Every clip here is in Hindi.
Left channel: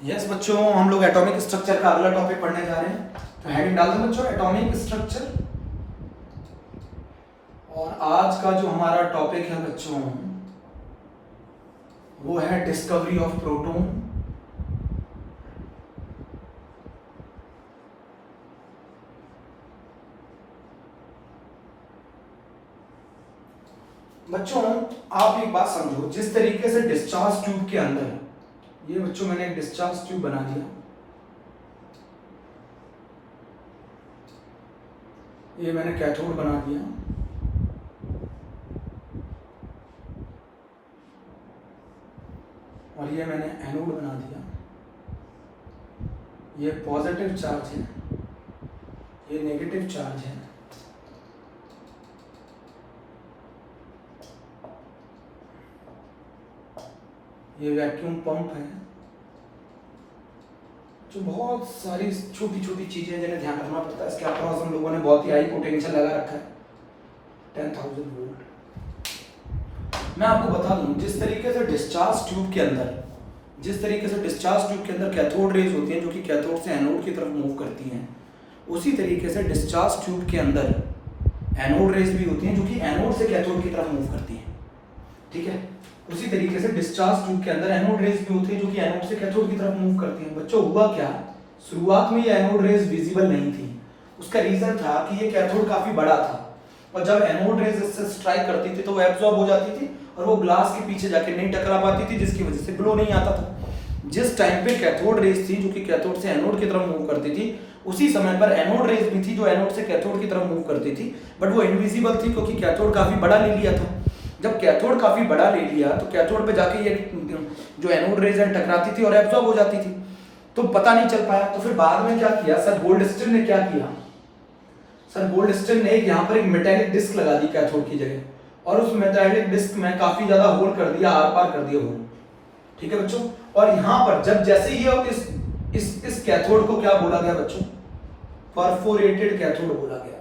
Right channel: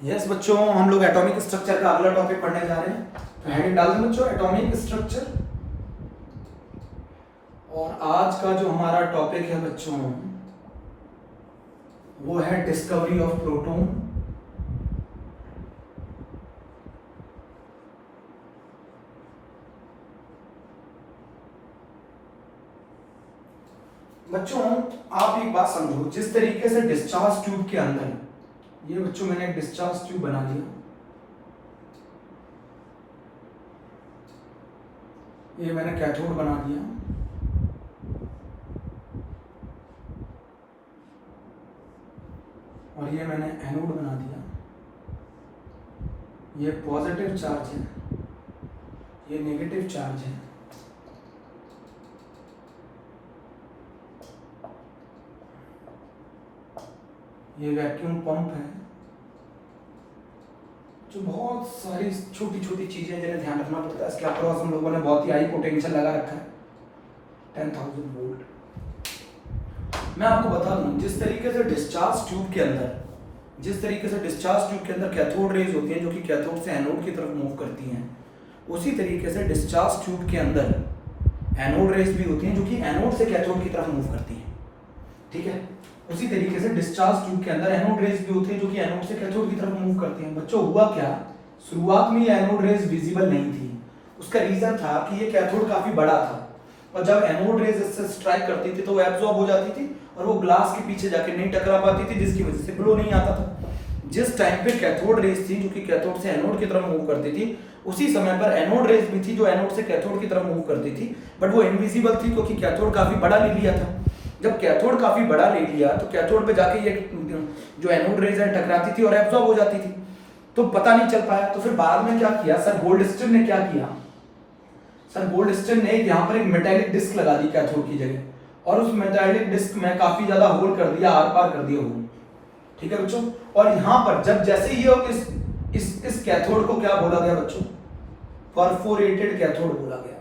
यस बच्चों, हम लोग एटॉमिक स्ट्रक्चर का अगला टॉपिक पढ़ने जा रहे हैं। तो हेडिंग डाल दें बच्चों, एटॉमिक स्ट्रक्चर। और आज का जो हमारा टॉपिक है बच्चों, वो है डिस्कवरी ऑफ प्रोटॉन। बच्चों आप एक बात समझो, जिस तरीके से डिस्चार्ज ट्यूब के अंदर, ये बच्चों मैंने एक डिस्चार्ज ट्यूब बना दिया, ये मैंने कैथोड बना दिया, और ये मैंने एनोड बना दिया। ये पॉजिटिव चार्ज है, ये नेगेटिव चार्ज है। ये वैक्यूम पंप है। जो बहुत सारी छोटी छोटी चीजें जिन्हें ध्यान रखना पड़ता है। इसके अक्रॉस हम लोगों ने बहुत ही हाई पोटेंशियल लगा रखा है, 10,000 वोल्ट। मैं आपको बता दूं, जिस तरीके से डिस्चार्ज ट्यूब के अंदर कैथोड रेज होती हैं जो कि कैथोड से एनोड की तरफ मूव करती हैं, उसी तरीके से डिस्चार्ज ट्यूब के अंदर एनोड रेज भी होती हैं जो कि एनोड से कैथोड की तरफ मूव करती हैं। ठीक है, उसी तरीके से डिस्चार्ज ट्यूब के अंदर एनोड रेज भी होती है जो कि एनोड से कैथोड की तरफ मूव करती हैं। बच्चों हुआ क्या, शुरुआत में ये एनोड रेज विजिबल नहीं थी। उसका रीजन था कि ये कैथोड काफी बड़ा था, और जब एनोड रेज इससे स्ट्राइक करती थी तो वो एब्जॉर्ब हो जाती थी और वो ग्लास के पीछे जाके नहीं टकरा पाती थी, जिसकी वजह से ग्लो नहीं आता था। जिस टाइम पे कैथोड रेज थी जो कि कैथोड से एनोड की तरफ मूव करती थी, उसी समय पर एनोड रेज भी थी जो एनोड से कैथोड की तरफ मूव करती थी, बट वो इनविजिबल थी क्योंकि कैथोड काफी बड़ा ले लिया था। जब कैथोड काफी बड़ा ले लिया तो कैथोड पे जाके ये जो एनोड रेज है टकराती थी और एब्जॉर्ब हो जाती थी, तो पता नहीं चल पाया। तो फिर बाद में क्या किया सर गोल्डस्टिन ने, क्या किया सर गोल्डस्टिन ने यहाँ पर एक मेटेलिक डिस्क लगा दी कैथोड की जगह, और उस मेटेलिक डिस्क में काफी ज्यादा होल कर दिया, आर पार कर दिया होल। ठीक है बच्चों, और यहाँ पर जब जैसे ही इस कैथोड को क्या बोला गया बच्चों, परफोरेटेड कैथोड बोला गया।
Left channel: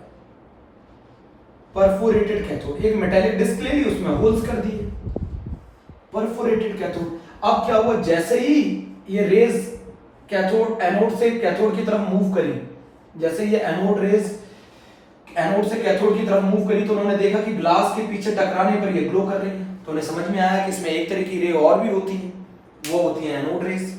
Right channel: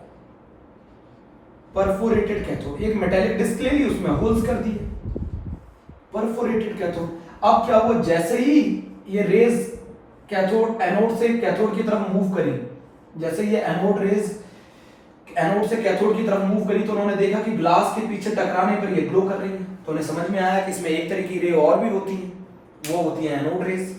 परफोरेटेड कैथोड, एक मेटेलिक डिस्क ले ली, उसमें होल्स कर दिए, परफोरेटेड कैथोड। अब क्या हुआ, जैसे ही ये रेज कैथोड एनोड से कैथोड की तरफ मूव करी, जैसे ये एनोड रेज एनोड से कैथोड की तरफ मूव करी, तो उन्होंने देखा कि ग्लास के पीछे टकराने पर ये ग्लो कर रही है। तो उन्हें समझ में आया कि इसमें एक तरह की रे और भी होती है, वो होती है एनोड रेज।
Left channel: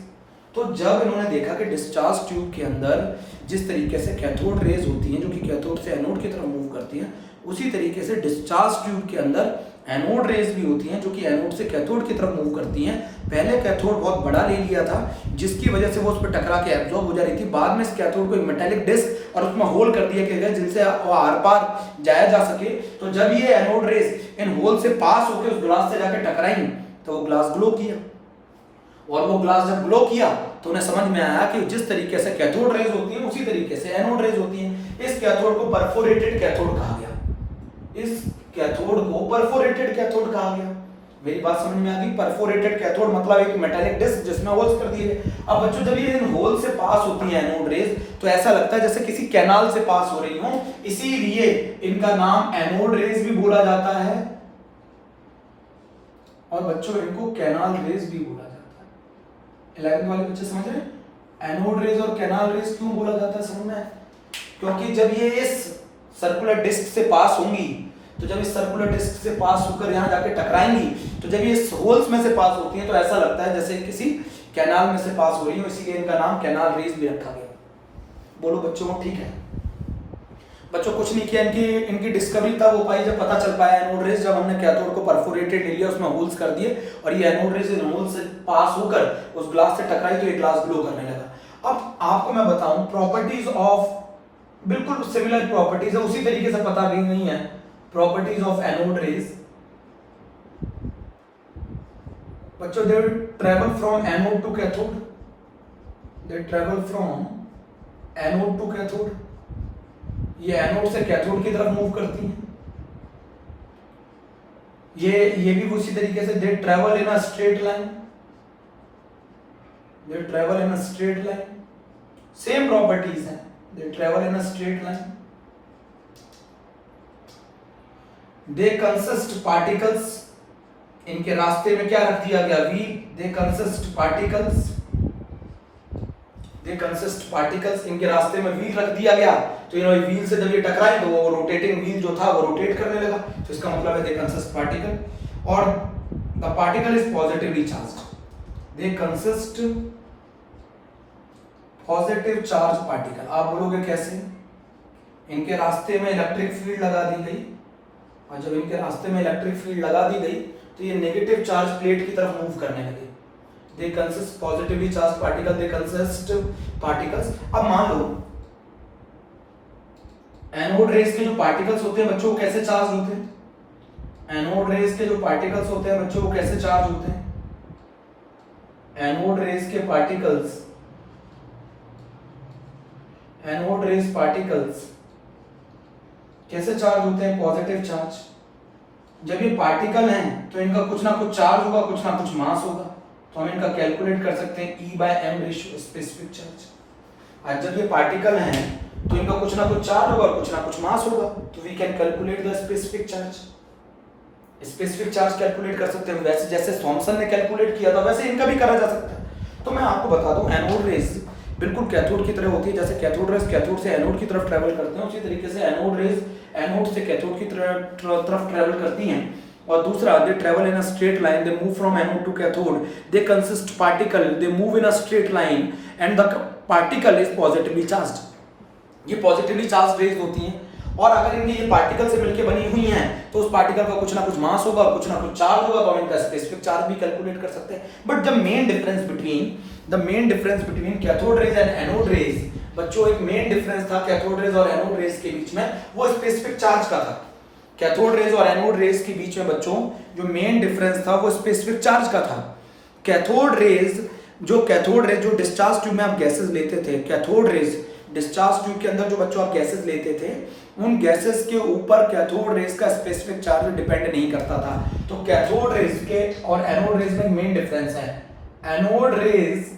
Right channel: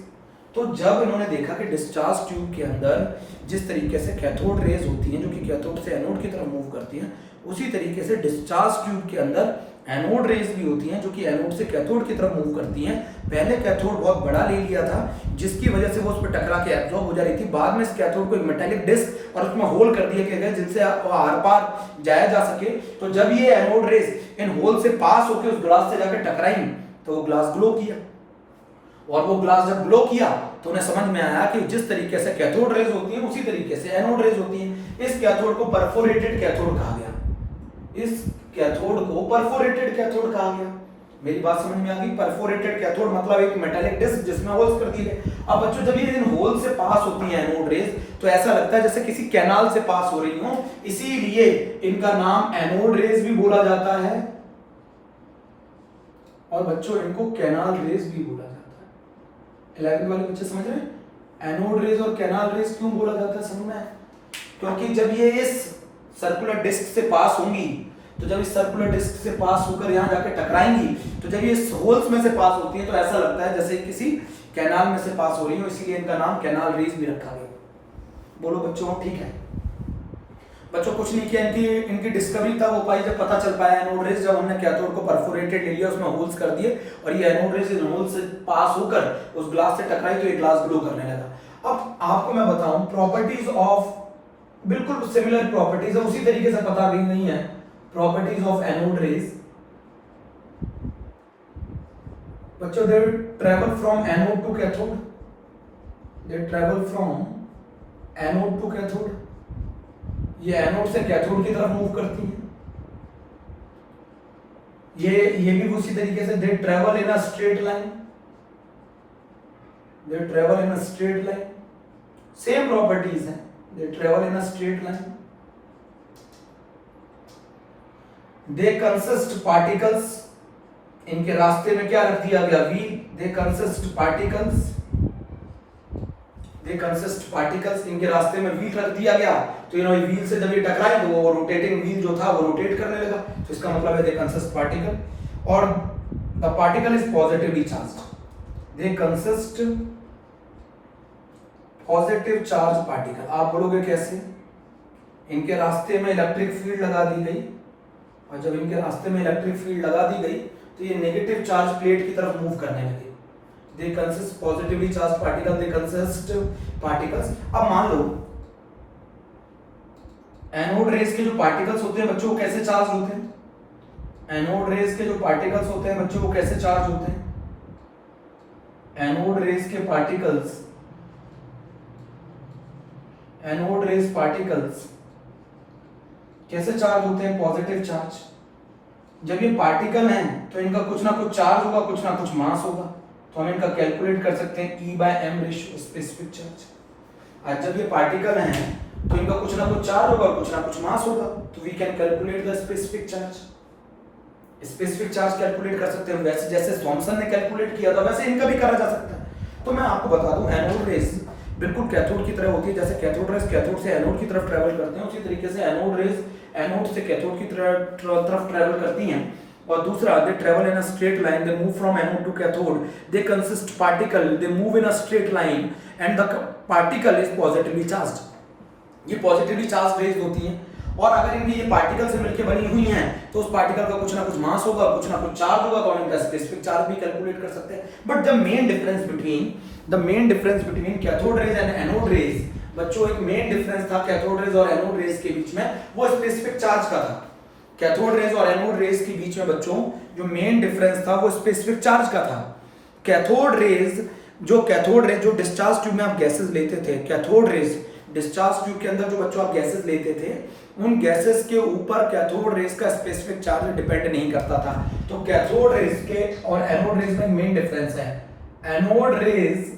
तो जब इन्होंने देखा कि डिस्चार्ज ट्यूब के अंदर जिस तरीके से कैथोड रेज होती हैं जो कि कैथोड से एनोड की तरफ मूव करती हैं, उसी तरीके से डिस्चार्ज ट्यूब के अंदर एनोड रेज भी होती हैं जो कि एनोड से कैथोड की तरफ मूव करती हैं। पहले कैथोड बहुत बड़ा ले लिया था, जिसकी वजह से वो उस पर टकरा के एब्जॉर्ब हो जा रही थी। बाद में इस कैथोड को एक मेटेलिक डिस्क और उसमें होल कर दिया गया जिनसे आर पार जाया जा सके। तो जब ये एनोड रेज इन होल से पास होकर उस ग्लास से जाकर टकराई, तो वो ग्लास ग्लो किया, और वो ग्लास जब ग्लो किया तो उन्हें समझ में आया कि जिस तरीके से कैथोड रेज होती है उसी तरीके से एनोड रेज होती हैं। इस कैथोड को परफोरेटेड कैथोड कहा गया। इस कैथोड को परफोरेटेड कैथोड कहा गया। मेरी बात समझ में आ गई? परफोरेटेड कैथोड मतलब एक मेटालिक डिस्क जिसमें होल्स कर दिए गए। अब बच्चों जब ये इन होल से पास होती हैं एनोड रेज, तो ऐसा लगता है जैसे किसी कैनाल से पास हो रही हो, इसीलिए इनका नाम एनोड रेज भी बोला जाता है, और बच्चों इनको कैनाल रेज भी बोला जाता है। 11th वाले बच्चे समझ रहे हैं? एनोड रेज और कैनाल रेज क्यों बोला जाता है समझ में? क्योंकि जब ये इस सर्कुलर डिस्क से पास होंगी, तो जब इस सर्कुलर डिस्क से पास होकर यहाँ जाके टकराएंगी, तो जब ये इस होल्स में से पास होती हैं तो ऐसा लगता है जैसे किसी कैनाल में से पास हो रही हो, इसीलिए इनका नाम कैनाल रेज भी रखा गया। बोलो बच्चों ठीक है? बच्चों कुछ नहीं किया, इनकी डिस्कवरी तब हो पाई जब पता चल पाया एनोड रेज, जब हमने कैथोड को परफोरेटेड ले लिया, उसमें होल्स कर दिए, और ये एनोड रेज इन होल से पास होकर उस ग्लास से टकराई तो ये ग्लास ग्लो करने लगा। अब आपको मैं बताऊं प्रॉपर्टीज ऑफ, बिल्कुल सिमिलर प्रॉपर्टीज है, उसी तरीके से पता भी नहीं है प्रॉपर्टीज ऑफ एनोड रेज। बच्चों they travel from anode to cathode, they travel from anode to cathode. ये एनोड से कैथोड की तरफ मूव करती है। ये भी उसी तरीके से they travel in a straight line, they travel in a straight line, same properties हैं, they travel in a straight line. They consist particles, इनके रास्ते में क्या रख दिया गया? We, they consist particles they consist particles, इनके रास्ते में व्हील रख दिया गया तो इन्होंने व्हील से जब ये टकराए तो वो रोटेटिंग व्हील जो था वो रोटेट करने लगा, तो इसका मतलब है दे कंसिस्ट पार्टिकल। और the particle is positively charged, they consist positive charge particle. आप बोलोगे कैसे? इनके रास्ते में इलेक्ट्रिक फील्ड लगा दी गई, और जब इनके रास्ते में इलेक्ट्रिक फील्ड लगा दी गई तो ये नेगेटिव चार्ज प्लेट की तरफ मूव करने लगे। They consist positively charge particle, they consist particles. अब मान लो एनोड रेस के जो पार्टिकल्स होते हैं बच्चों, कैसे चार्ज होते हैं? एनोड रेस के जो पार्टिकल्स होते हैं बच्चों, वो कैसे चार्ज होते हैं? एनोड रेस के पार्टिकल्स, एनोड रेस पार्टिकल्स कैसे चार्ज होते हैं? Positive charge. जब ये पार्टिकल हैं तो इनका कुछ ना कुछ चार्ज होगा, कुछ ना कुछ मास होगा, तो हम इनका कैलकुलेट कर सकते हैं E/m रेशियो स्पेसिफिक चार्ज। और जब ये पार्टिकल हैं तो इनका कुछ ना कुछ चार्ज होगा और कुछ ना कुछ मास होगा, तो we can calculate the specific charge. Specific charge calculate कर सकते हैं, वैसे जैसे थॉमसन ने कैलकुलेट किया था वैसे इनका भी करा जा सकता है। तो मैं आपको बता दूं, एनोड रेस बिल्कुल कैथोड की तरह होती है। जैसे कैथोड रेस कैथोड से एनोड की तरफ ट्रैवल करते हैं, उसी तरीके से एनोड रेस एनोड से कैथोड की तरफ ट्रैवल करती हैं। और दूसरा, they travel in a straight line, they move from anode to cathode, they consist particle, they move in a straight line and the particle is positively charged. ये पॉजिटिवली चार्ज रेज होती हैं, और अगर इनकी ये पार्टिकल से मिलकर बनी हुई हैं तो उस पार्टिकल का कुछ ना कुछ मास होगा, कुछ ना कुछ चार्ज होगा, तो हम इनका स्पेसिफिक चार्ज भी कैलकुलेट कर सकते हैं। But the main difference between cathode rays and anode rays, बच्चों एक मेन डिफरेंस था कैथोड रेज और एनोड रेज के बीच में, वो स्पेसिफिक चार्ज का था। कैथोड रेज और एनोड रेज के बीच में बच्चों जो मेन डिफरेंस था वो स्पेसिफिक चार्ज का था। कैथोड रेज जो डिस्चार्ज ट्यूब में आप गैसेस लेते थे, कैथोड रेज डिस्चार्ज ट्यूब के अंदर जो बच्चों आप गैसेस लेते थे, उन गैसेस के ऊपर कैथोड रेज का स्पेसिफिक चार्ज डिपेंड नहीं करता था। तो कैथोड रेज के और एनोड रेज में मेन डिफरेंस है। Anode rays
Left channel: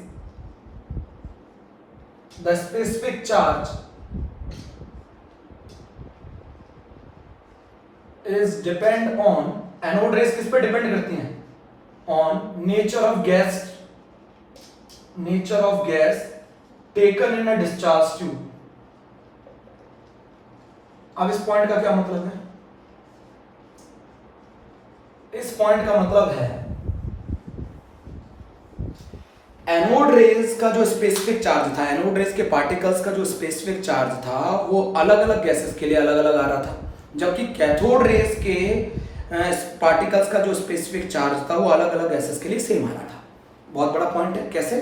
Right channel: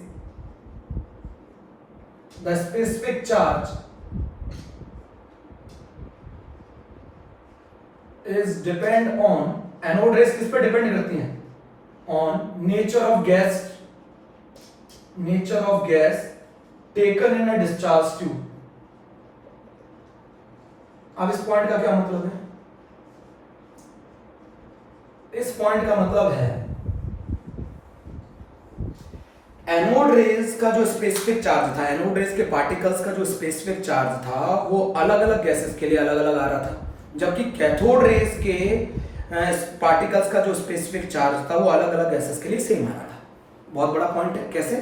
the specific charge is depend on, anode rays किस पर डिपेंड करती हैं? On nature of gas taken in a discharge tube. अब इस पॉइंट का क्या मतलब है? इस पॉइंट का मतलब है एनोड रेज का जो स्पेसिफिक चार्ज था, एनोड रेज के पार्टिकल्स का जो स्पेसिफिक चार्ज था वो अलग अलग गैसेस के लिए अलग अलग आ रहा था, जबकि कैथोड रेज के पार्टिकल्स का जो स्पेसिफिक चार्ज था वो अलग अलग गैसेस के लिए सेम आ रहा था। बहुत बड़ा पॉइंट है। कैसे?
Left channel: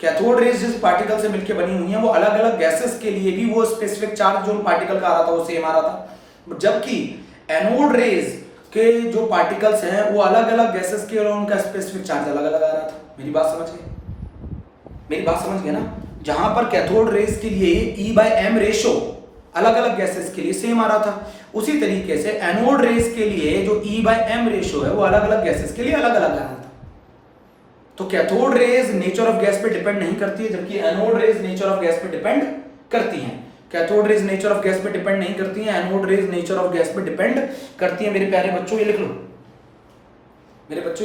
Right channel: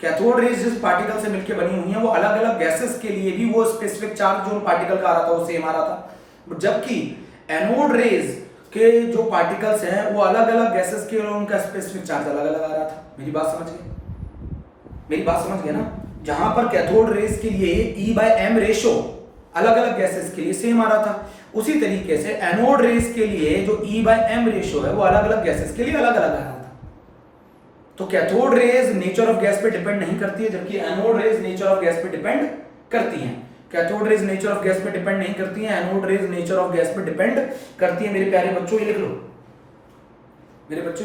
कैथोड रेज जिस पार्टिकल से मिलकर बनी हुई है वो अलग अलग गैसेस के लिए भी वो स्पेसिफिक चार्ज जो पार्टिकल का आ रहा था वो सेम आ रहा था, जबकि एनोड रेज के जो पार्टिकल्स हैं वो अलग अलग गैसेस के लिए उनका स्पेसिफिक चार्ज अलग अलग आ रहा था। मेरी बात समझ गए ना? जहां पर कैथोड रेज के लिए E/m रेशो अलग अलग गैसेस के लिए सेम आ रहा था, उसी तरीके से एनोड रेज के लिए जो E/m रेशो है वो अलग अलग गैसेस के लिए अलग अलग आ रहा था। तो cathode rays nature of gas पे डिपेंड नहीं करती है, जबकि anode rays nature of gas पे डिपेंड करती हैं। Cathode rays nature of gas पे डिपेंड नहीं करती हैं, anode rays nature of gas पे डिपेंड करती हैं। मेरे प्यारे बच्चों ये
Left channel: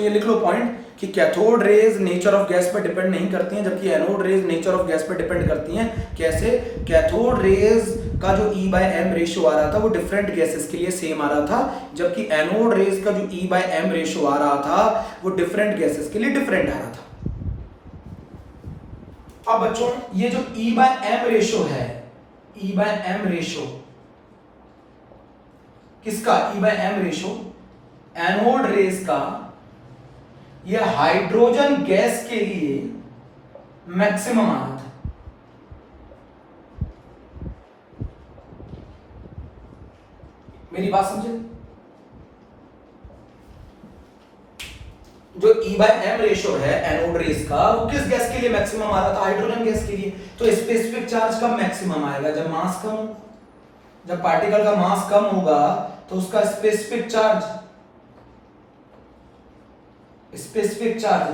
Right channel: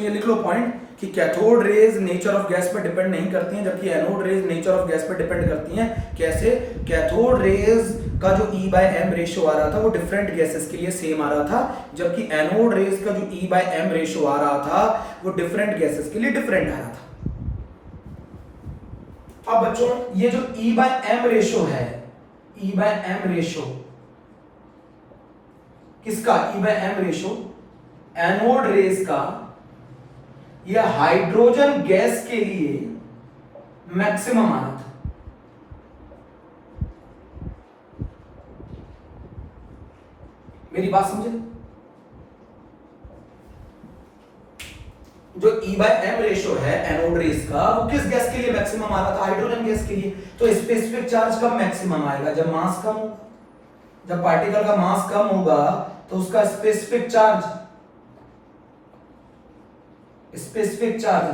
लिख लो पॉइंट कि cathode rays nature of gas पे डिपेंड नहीं करती हैं, जबकि anode rays nature of gas पे डिपेंड करती हैं। कैसे? कैथोड रेज का जो E/m रेशियो आ रहा था वो डिफरेंट गैसेस के लिए सेम आ रहा था, जबकि एनोड रेज का जो E/m रेशियो आ रहा था वो डिफरेंट गैसेस के लिए डिफरेंट आ रहा था। अब बच्चों ये जो E/m रेशियो है, E/m रेशियो किसका? E/m रेशियो एनोड रेज का, यह हाइड्रोजन गैस के लिए मैक्सिमम आ रहा था। मेरी बात समझे? जो E/m रेशियो है एनोड रेज का वो किस गैस के लिए मैक्सिमम आ रहा था? हाइड्रोजन गैस के लिए। तो स्पेसिफिक चार्ज कब मैक्सिमम आएगा? जब मास कम होगा। जब पार्टिकल का मास कम होगा तो उसका स्पेसिफिक चार्ज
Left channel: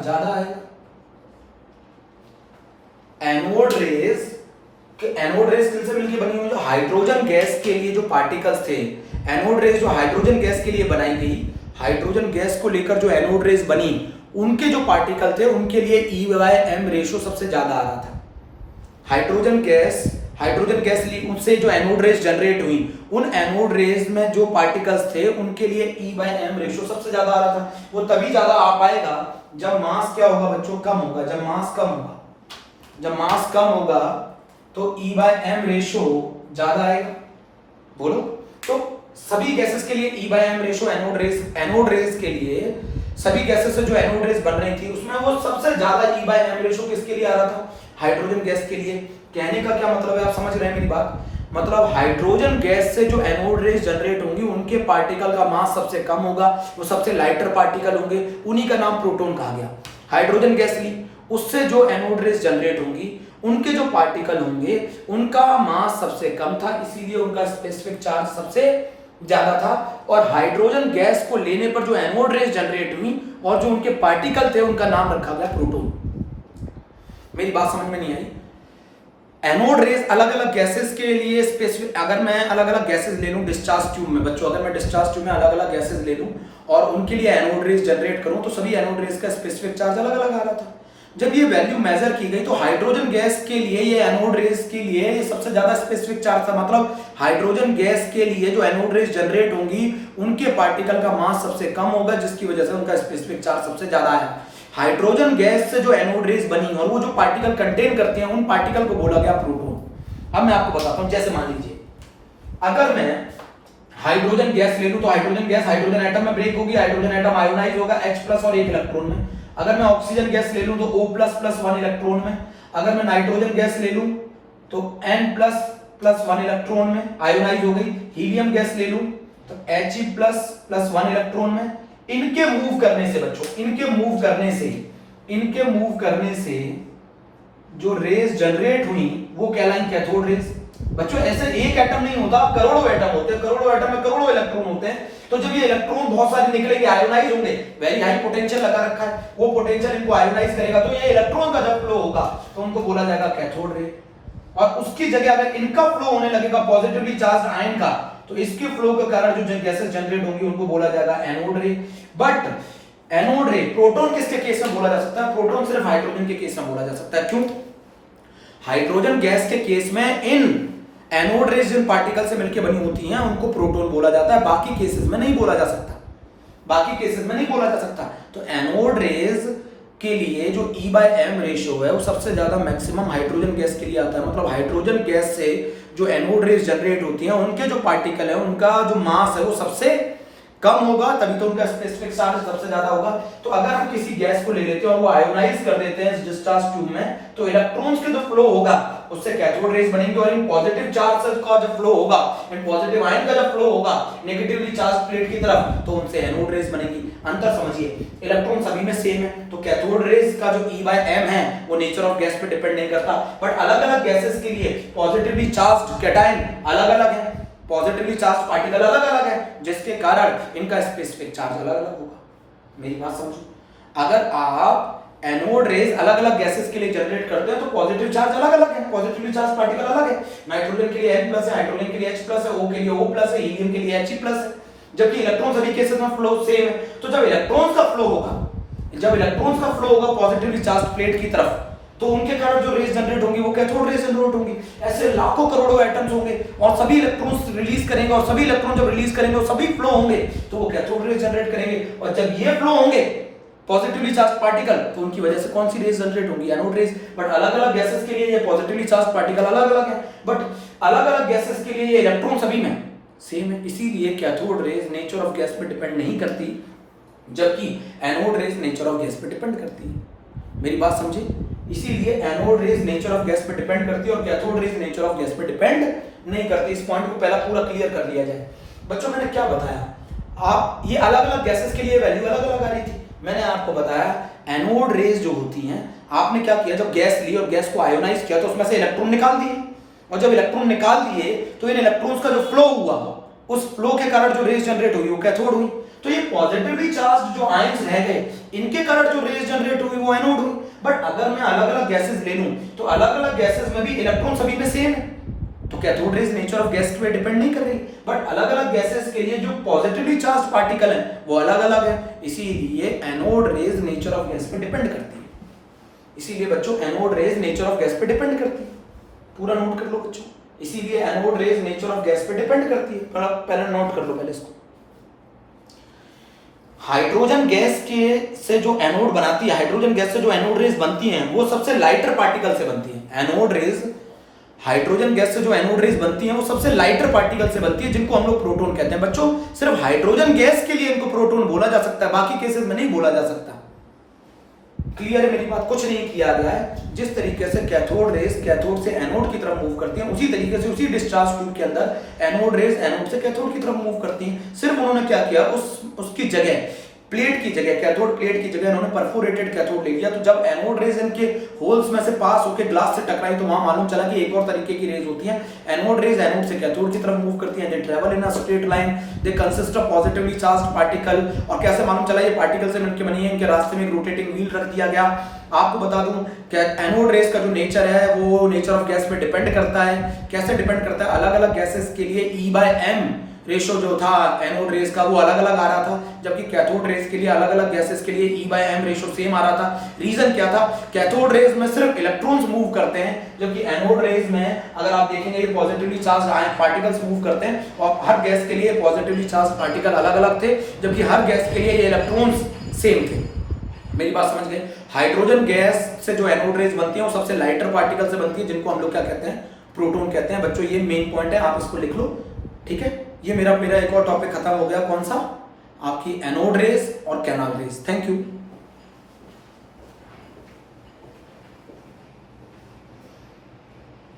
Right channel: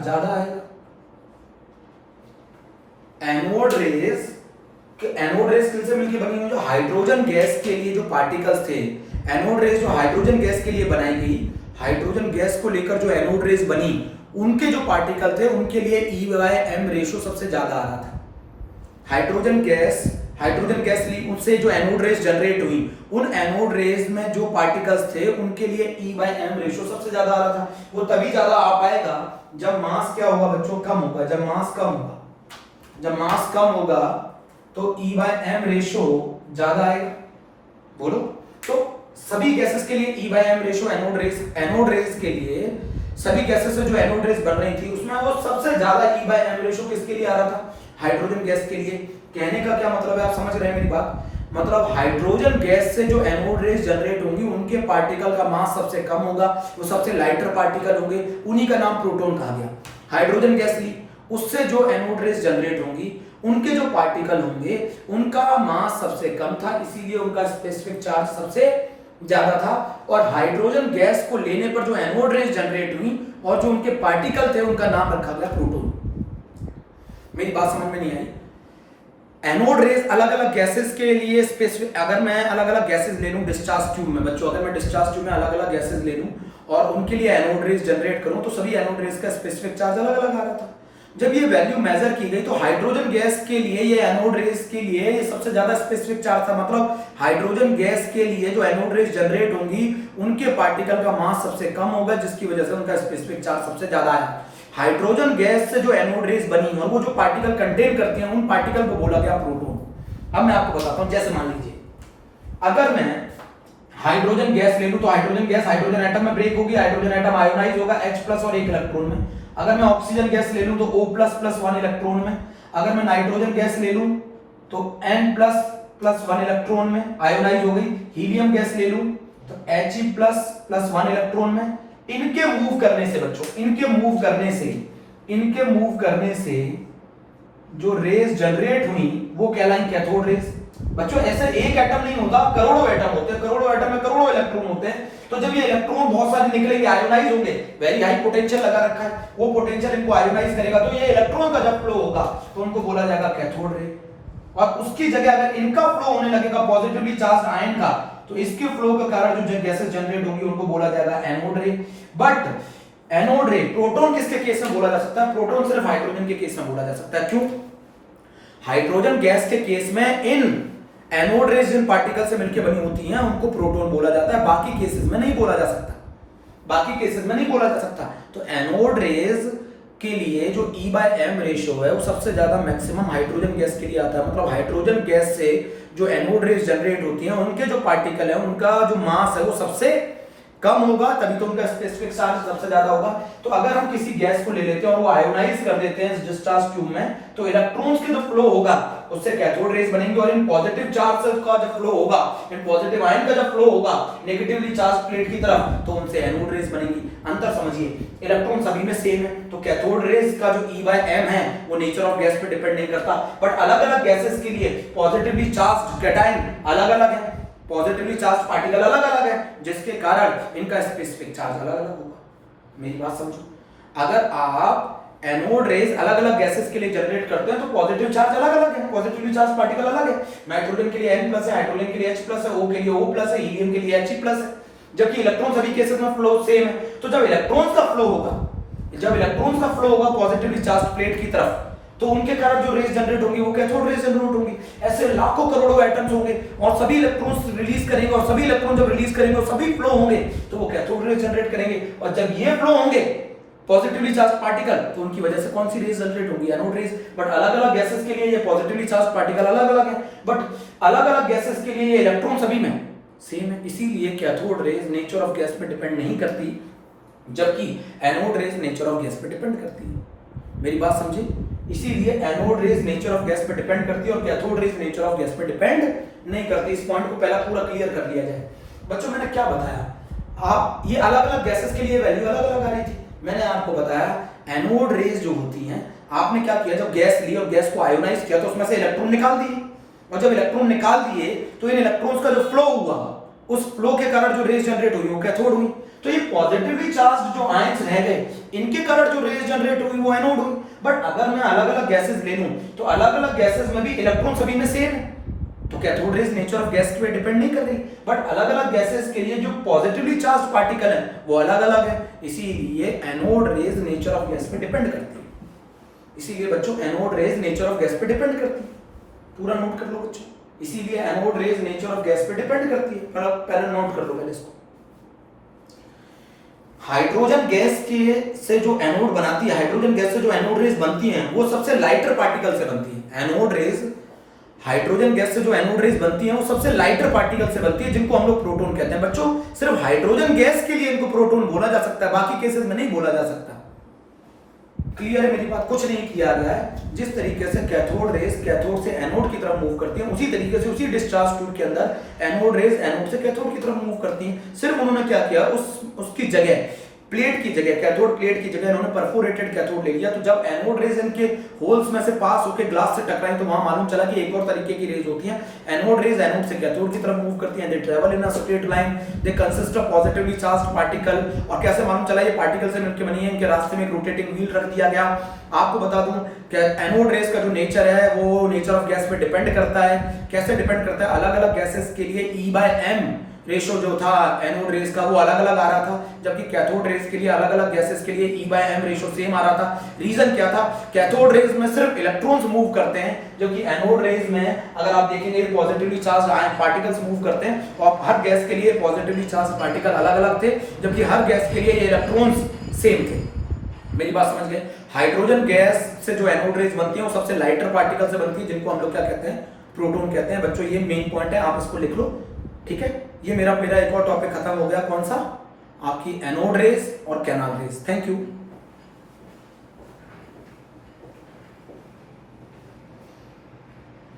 ज्यादा आएगा। एनोड रेज किनसे मिलकर बनी हुई? जो हाइड्रोजन गैस के लिए जो पार्टिकल्स थे, एनोड रेज जो हाइड्रोजन गैस के लिए बनाई गई, हाइड्रोजन गैस को लेकर जो एनोड रेज बनी, उनके जो पार्टिकल थे उनके लिए E/m रेशियो सबसे ज्यादा आ रहा था। हाइड्रोजन गैस ली, उससे जो एनोड रेज जनरेट हुई, उन एनोड रेज में जो पार्टिकल्स थे उनके लिए E/m रेशियो सबसे ज्यादा आ रहा था। वो तभी ज्यादा आ पाएगा जब मास क्या होगा बच्चों, कम होगा। जब मास कम होगा तो E/m रेशियो ज्यादा आएगा। बोलो, तो सभी गैसेस के लिए E/m रेशियो एनोड रेज के लिए सभी गैसेस से जो एनोड रेज बन रही थी उसमें वो सबसे ज्यादा E/m रेशियो किसके लिए आ रहा था, हाइड्रोजन गैस के लिए। कहने का क्या मतलब है, आप समझ रहे हैं मेरी बात? मतलब हाइड्रोजन गैस से जो एनोड रेज जनरेट होंगी उनके पार्टिकल का मास सबसे कम होगा, वो सबसे लाइटर पार्टिकल होंगे, उन्हीं का नाम प्रोटॉन कहा गया। हाइड्रोजन गैस ली, उससे जो एनोड रेज जनरेट होंगी उनके जो पार्टिकल होंगे उनका मास सबसे कम था, इसीलिए उनका स्पेसिफिक चार्ज सबसे ज्यादा था। और हाइड्रोजन गैस को लेने पर जो एनोड रेज जनरेट हुई और जो उनके पार्टिकल थे उनका नाम रखा गया प्रोटॉन। मेरी बात समझ में नहीं आई? एनोड रेज अलग अलग गैसेस के लिए स्पेसिफिक, अगर मैं अलग अलग गैसेस ले लूं डिस्चार्ज ट्यूब में बच्चों, अगर मैं डिस्चार्ज ट्यूब में अलग अलग गैसेस ले लूं और उनके लिए एनोड रेज जनरेट करूं तो सभी एनोड रेज का स्पेसिफिक चार्ज अलग अलग आ रहा था। जब ये वैल्यू मेजर की गई तो हाइड्रोजन गैस के लिए ये एनोड रेज के लिए सबसे ज्यादा स्पेसिफिक चार्ज था। मतलब हाइड्रोजन गैस के लिए जो एनोड रेज जनरेट होंगी उनके पार्टिकल का मास सबसे कम होगा, जिसकी वजह से उनका स्पेसिफिक चार्ज सबसे ज्यादा है। हाइड्रोजन गैस से जो एनोड रेज बनी और वो जो पार्टिकल कंटेन करते हैं उन पार्टिकल को बोला गया प्रोटॉन। अब मैं आपको बताता हूं, जैसे मान लीजिए अगर मैं हाइड्रोजन गैस ले लूं तो हाइड्रोजन गैस हाइड्रोजन एटम में ब्रेक होगी, हाइड्रोजन एटम आयोनाइज होगा H+ और 1 इलेक्ट्रॉन में। अगर मैं ऑक्सीजन गैस ले लूं तो O++ 1 इलेक्ट्रॉन में। अगर मैं नाइट्रोजन गैस ले लूं तो N++ 1 इलेक्ट्रॉन में आयोनाइज हो गई। हीलियम गैस ले लूं तो He++ 1 इलेक्ट्रॉन में। इनके मूव करने से बच्चों, इनके मूव करने से जो रेज जनरेट हुई वो कहलाई कैथोड रेज। बच्चों ऐसे एक एटम नहीं होता, करोड़ों एटम होते हैं, करोड़ों एटम में करोड़ों इलेक्ट्रॉन होते हैं। तो जब ये इलेक्ट्रॉन बहुत सारे निकलेंगे, आयोनाइज होंगे, वेरी हाई पोटेंशियल लगा रखा है, वो पोटेंशियल इनको आयोनाइज करेगा, तो ये इलेक्ट्रॉन का जब फ्लो होगा तो उनको बोला जाएगा कैथोड रे। और उसकी जगह अगर इनका फ्लो होने लगेगा पॉजिटिवली चार्ज आयन का, तो इसके फ्लो के कारण जो गैसेस जनरेट होंगी उनको बोला जाएगा एनोड रे। बट एनोड रे प्रोटॉन किसके केस में बोला जा सकता है? प्रोटॉन सिर्फ हाइड्रोजन के केस में बोला जा सकता है। क्यों? हाइड्रोजन गैस के केस में इन एनोड रेज जिन पार्टिकल से मिलकर बनी होती हैं उनको प्रोटॉन बोला जाता है, बाकी केसेस में नहीं बोला जा सकता। तो एनोड रेज के लिए जो E/m रेशियो है वो सबसे ज्यादा मैक्सिमम हाइड्रोजन गैस के लिए आता है। मतलब हाइड्रोजन गैस से जो एनोड रेज जनरेट होती हैं उनके जो पार्टिकल है उनका जो मास है वो सबसे कम होगा, तभी तो उनका स्पेसिफिक चार्ज सबसे ज्यादा होगा। तो अगर हम किसी गैस को ले लेते हैं और वो आयोनाइज कर देते हैं डिस्चार्ज ट्यूब में, तो इलेक्ट्रॉन्स के जो फ्लो होगा उससे कैथोड रेज बनेंगे, और इन पॉजिटिव चार्ज का जो फ्लो होगा, इन पॉजिटिव आयन का जो फ्लो होगा नेगेटिवली चार्ज प्लेट की तरफ, तो उनसे एनोड रेज बनेंगी। अंतर समझिए, इलेक्ट्रॉन सभी में सेम है, तो कैथोड रेज का जो E/m है वो नेचर ऑफ गैस पे डिपेंड नहीं करता। बट अलग अलग गैसेस के लिए पॉजिटिवली चार्ज कैटायन अलग अलग है, पॉजिटिवली चार्ज पार्टिकल अलग अलग है, जिसके कारण इनका स्पेसिफिक चार्ज अलग अलग होगा। मेरी बात समझो, अगर आप एनोड रेज अलग अलग गैसेस के लिए जनरेट करते हैं तो पॉजिटिव चार्ज अलग अलग है, पॉजिटिवली चार्ज पार्टिकल अलग है। नाइट्रोजन के लिए N+ है, हाइड्रोजन के लिए H+ है, O के लिए O+ है, हीलियम के लिए He+ है, जबकि इलेक्ट्रॉन सभी केसेस में फ्लो सेम है। तो जब इलेक्ट्रॉन्स का फ्लो होगा पॉजिटिवली चार्ज प्लेट की तरफ, तो उनके कारण जो रेज जनरेट होंगी वो कैथोड रेज जनरेट होंगी। ऐसे लाखों करोड़ों एटम्स होंगे और सभी इलेक्ट्रॉन्स रिलीज करेंगे, और सभी इलेक्ट्रॉन जब रिलीज करेंगे और सभी फ्लो होंगे तो वो कैथोड रेज जनरेट करेंगे। और जब ये फ्लो होंगे पॉजिटिवली चार्ज पार्टिकल, तो उनकी वजह से कौन सी रेज जनरेट होगी? Anode rays. बट अलग अलग गैसेस के लिए ये पॉजिटिवली चार्ज पार्टिकल अलग अलग है, बट अलग अलग गैसेस के लिए ये इलेक्ट्रॉन सभी में सेम है। इसीलिए cathode rays nature of gas पे डिपेंड नहीं करती, जबकि anode rays nature of gas पे डिपेंड करती है। मेरी बात समझे? इसीलिए anode rays nature of gas पे डिपेंड करती है और cathode rays nature of gas पे डिपेंड नहीं करती। इस पॉइंट को पहला पूरा क्लियर कर लिया जाए। बच्चों मैंने क्या बताया, आप ये अलग अलग गैसेस के लिए वैल्यू अलग अलग आ रही थी। मैंने आपको बताया एनोड रेज जो होती हैं, आपने क्या किया, जब गैस ली और गैस को आयोनाइज किया तो उसमें से इलेक्ट्रॉन निकाल दिए, और जब इलेक्ट्रॉन निकाल दिए तो इन इलेक्ट्रॉन्स का जो फ्लो हुआ, उस फ्लो के कारण जो रेज जनरेट हुई वो कैथोड हुई। तो ये पॉजिटिवली चार्ज जो आयंस रह गए, इनके कारण जो रेज जनरेट हुई वो एनोड हुई। बट अगर मैं अलग अलग गैसेस ले लूं तो अलग अलग गैसेस में भी इलेक्ट्रॉन सभी में सेम है, तो cathode rays nature of gas पे डिपेंड नहीं कर रही। बट अलग अलग गैसेस के लिए जो पॉजिटिवली चार्ज पार्टिकल है वो अलग अलग है, इसीलिए anode rays nature of gas पे डिपेंड करती है। इसीलिए बच्चों anode rays nature of gas पे डिपेंड करती है। पूरा नोट कर लो बच्चों। इसीलिए anode rays nature of gas पे डिपेंड करती है, पहले नोट कर लो पहले इसको। हाइड्रोजन गैस के से जो एनोड बनाती है, हाइड्रोजन गैस से जो एनोड रेज बनती हैं वो सबसे लाइटर पार्टिकल से बनती है। एनोड रेज, हाइड्रोजन गैस से जो एनोड रेज बनती हैं वो सबसे लाइटर पार्टिकल से बनती है, जिनको हम लोग प्रोटॉन कहते हैं। बच्चों सिर्फ हाइड्रोजन गैस के लिए इनको प्रोटॉन बोला जा सकता है, बाकी केसेस में नहीं बोला जा सकता। क्लियर है मेरी बात? कुछ नहीं किया गया है। जिस तरीके से कैथोड रेज कैथोड से एनोड की तरफ मूव करती हैं, उसी तरीके से उसी डिस्चार्ज ट्यूब के अंदर एनोड रेज एनोड से कैथोड की तरफ मूव करती हैं। सिर्फ उन्होंने क्या किया, उसकी जगह प्लेट की जगह, कैथोड प्लेट की जगह इन्होंने परफोरेटेड कैथोड ले लिया। तो जब एनोड रेज इनके होल्स में से पास होकर ग्लास से टकराई तो वहां मालूम चला कि एक और तरीके की रेज होती है। एनोड रेज एनोड से कैथोड की तरफ मूव करती हैं। दे travel in a straight line, they consist of positively charged particle. और कैसे मालूम चला ये पार्टिकल से मिलकर बनी है? इनके रास्ते में एक रोटेटिंग व्हील रख दिया गया। आपको बता दूं कि एनोड रेज का जो नेचर है वो नेचर ऑफ गैस पे डिपेंड करता है। कैसे डिपेंड करता है? अलग अलग गैसेस के लिए E/M रेशो जो था एनोड रेज का वो अलग अलग आ रहा था, जबकि कैथोड रेज के लिए अलग अलग गैसेस के लिए E/M रेशो सेम आ रहा था। रीजन क्या था? कैथोड रेज में सिर्फ इलेक्ट्रॉन्स मूव करते हैं, जबकि एनोड रेज में अगर आप देखेंगे पॉजिटिवली चार्ज पार्टिकल्स मूव करते हैं। और हर गैस के लिए पॉजिटिवली चार्ज पार्टिकल अलग अलग थे, जबकि हर गैस के लिए ये इलेक्ट्रॉन्स सेम थे। मेरी बात समझ गए? हाइड्रोजन गैस से जो एनोड रेज बनती है वो सबसे लाइटर पार्टिकल से बनती है, जिनको हम लोग क्या कहते हैं? प्रोटॉन कहते हैं। बच्चों ये मेन पॉइंट है, आप इसको लिख लो, ठीक है? ये मेरा एक और टॉपिक खत्म हो गया। कौन सा? आपकी एनोड रेज और कैनाल रेज। Thank you.